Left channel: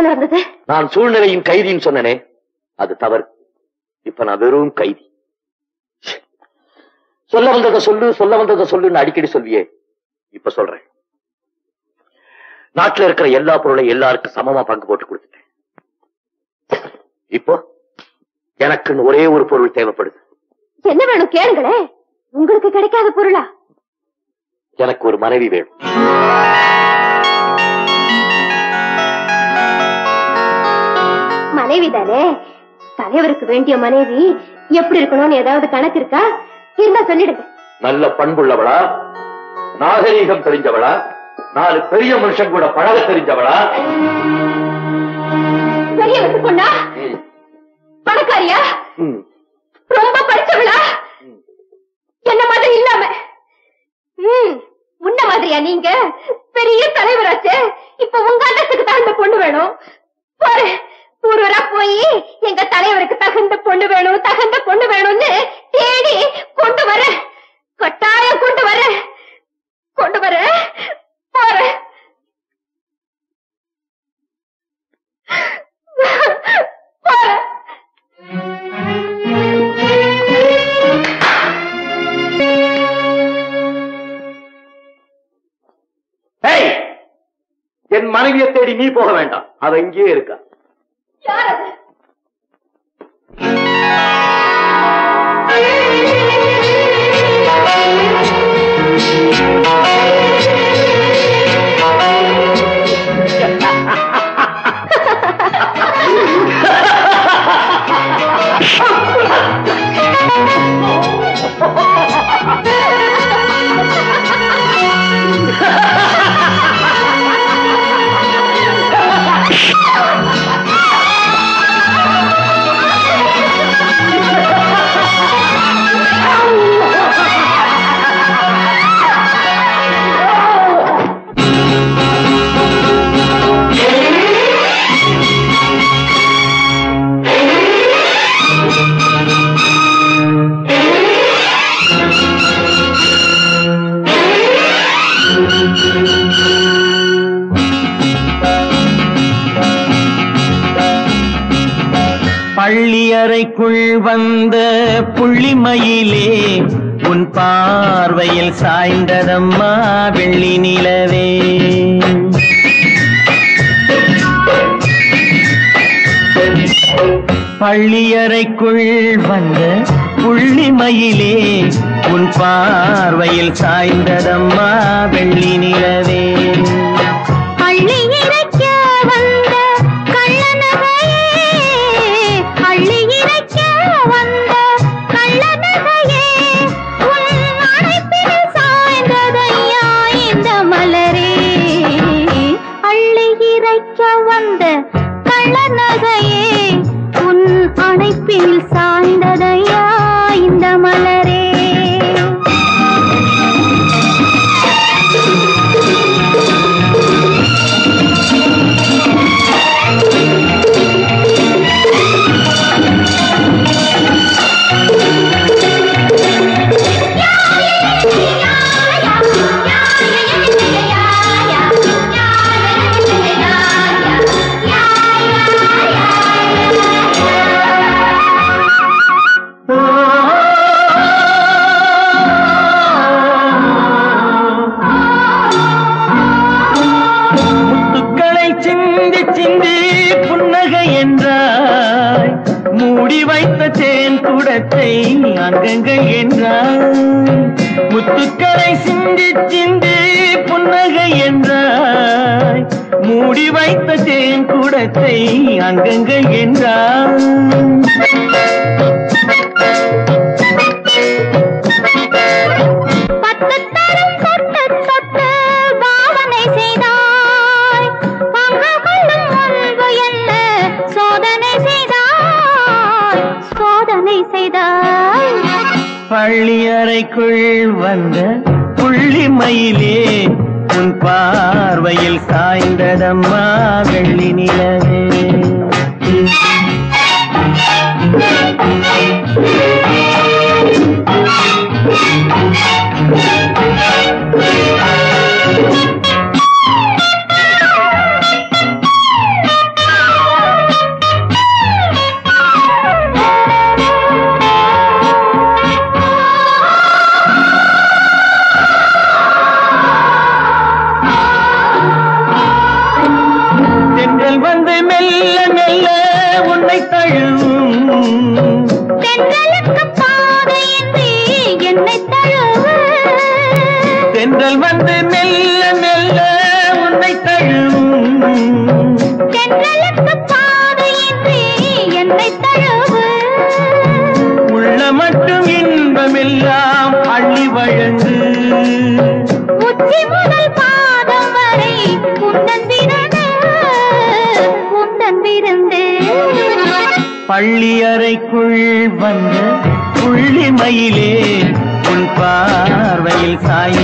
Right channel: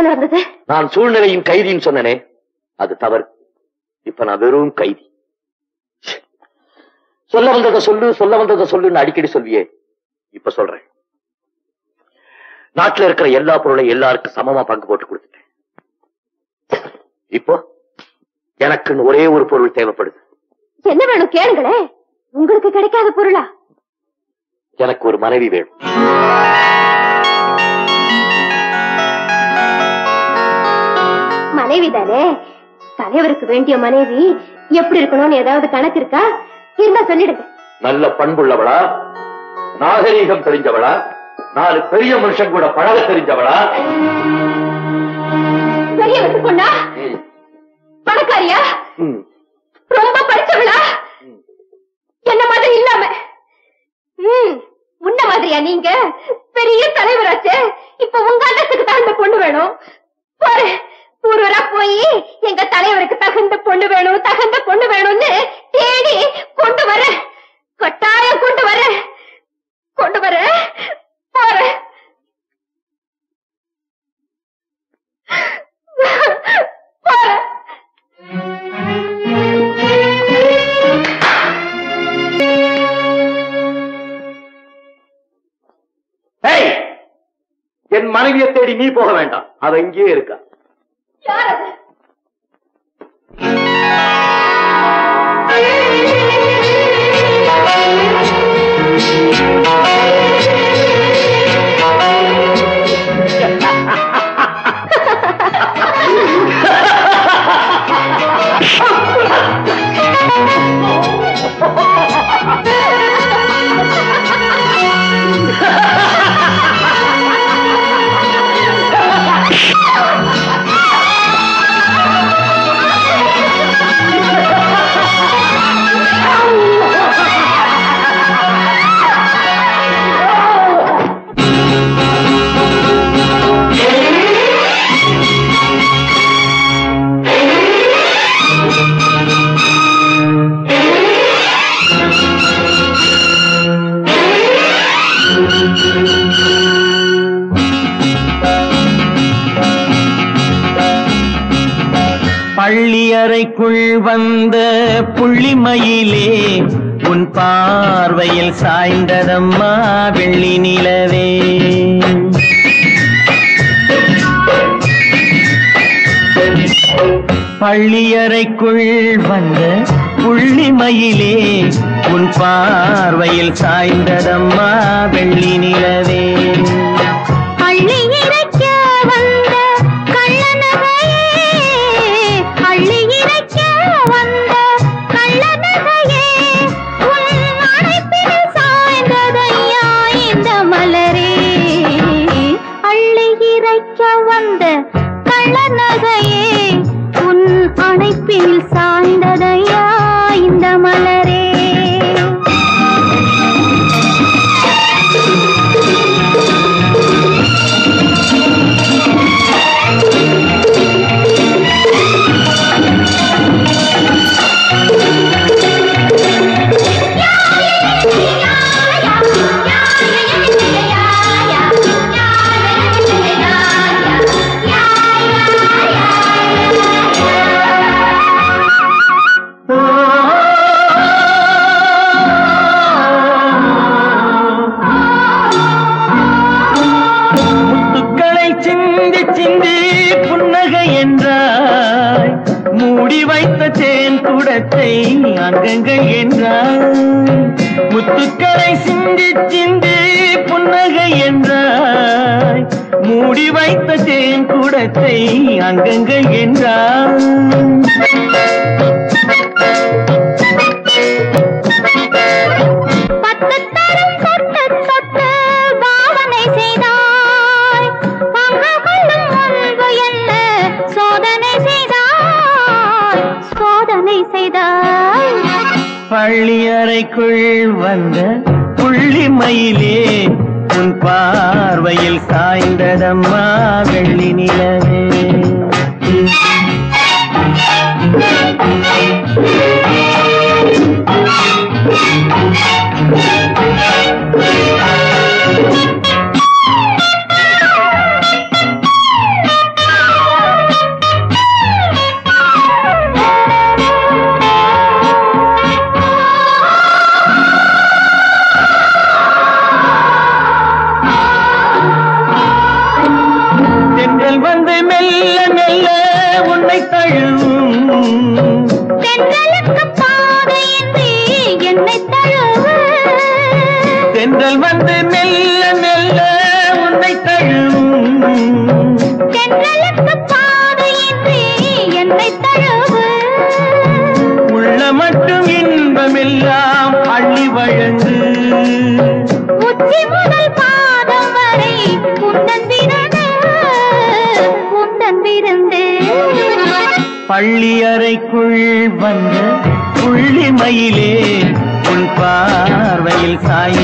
போல இருந்தது. நான் சூழ்நிலையின் கைதின்னு சொன்னனே, அது தவறு. இப்ப நான் வெறும் கைதி. சொல்ல வந்ததை சொல்லுன்னு அடிக்கடி சொல்வியே, இப்ப சொல்றேன். நாட்டில் இருக்கிற எல்லா பொருளையும் எல்லாருக்கும் சமமா பங்கு போட்டு கொடுத்துட்டேன். இப்போ எனக்குன்னு ஒரே ஒரு பொருள் தேவைப்படுது. என்ன வேணும் கேளுங்களே. உங்களுக்கு கிடைக்காத பொருளா? எனக்கு ஒரு மனைவி வேணும். மனைவி தானே? தலைவருக்கு வேண்டிய மனைவி எப்படி இருக்கணும்னு ஏதாவது கணக்கு இருக்கா? இருந்தா சொல்லிடுங்க. நல்ல பண்புள்ளவளா, நாகரீகம் தெரிஞ்சவளா, 4 பெரிய மனுஷன் கூட பழக தெரிஞ்சவளா? பெரிய வயசு பொண்ணா? பணக்காரியா? ரொம்ப படிச்சவளா? என்ன மாதிரி இல்லாம? முன்ன மாதிரியா? நீங்க பெரிய தலைவராச்சே, இப்ப உங்க அண்ணத்துக்கு தகுந்த பொண்ணு வேணும். போறேன் ஊரா போய் எங்க தலைவருக்கு தகுந்த பொண்ணு வேணும்னு தேடி கொண்டு வர, கட்டாயம் கொண்டு வர போறேன். என் மனைவியை தேடி நீ போக வேண்டாம், அது இங்கே இருக்கா. பள்ளியறைக்குள் வந்த புள்ளிமயிலே உன் பார்வையில் சாய்ந்ததம்மா வெள்ளி நிலவே. பள்ளியறைக்குள் வந்த புள்ளிமயிலே உன் பார்வையில் சாய்ந்ததம்மா வெள்ளி நிலவே. அணைப்பில் சாய்ந்ததையா இந்த மலரே. அங்கங்கள் என்றான் முத்துக்களை சிந்தி சிந்தி புன்னகை என்றாய். மூடி வைத்த தேன் கூடத்தை அங்கங்கள் என்றான். பள்ளியறைக்குள் வந்த புள்ளிமயிலே உன் பார்வையில் சாய்ந்ததம்மா வெள்ளி நிலவே. மட்டும் இன்பமெல்லாம் அள்ளி வழங்கு. உச்சி முதல் பாதம் வரை உன்னந்திரண்டு பள்ளி அறைக்குள் வந்த புள்ளி மயிலே உன் பார்வையில் சாய்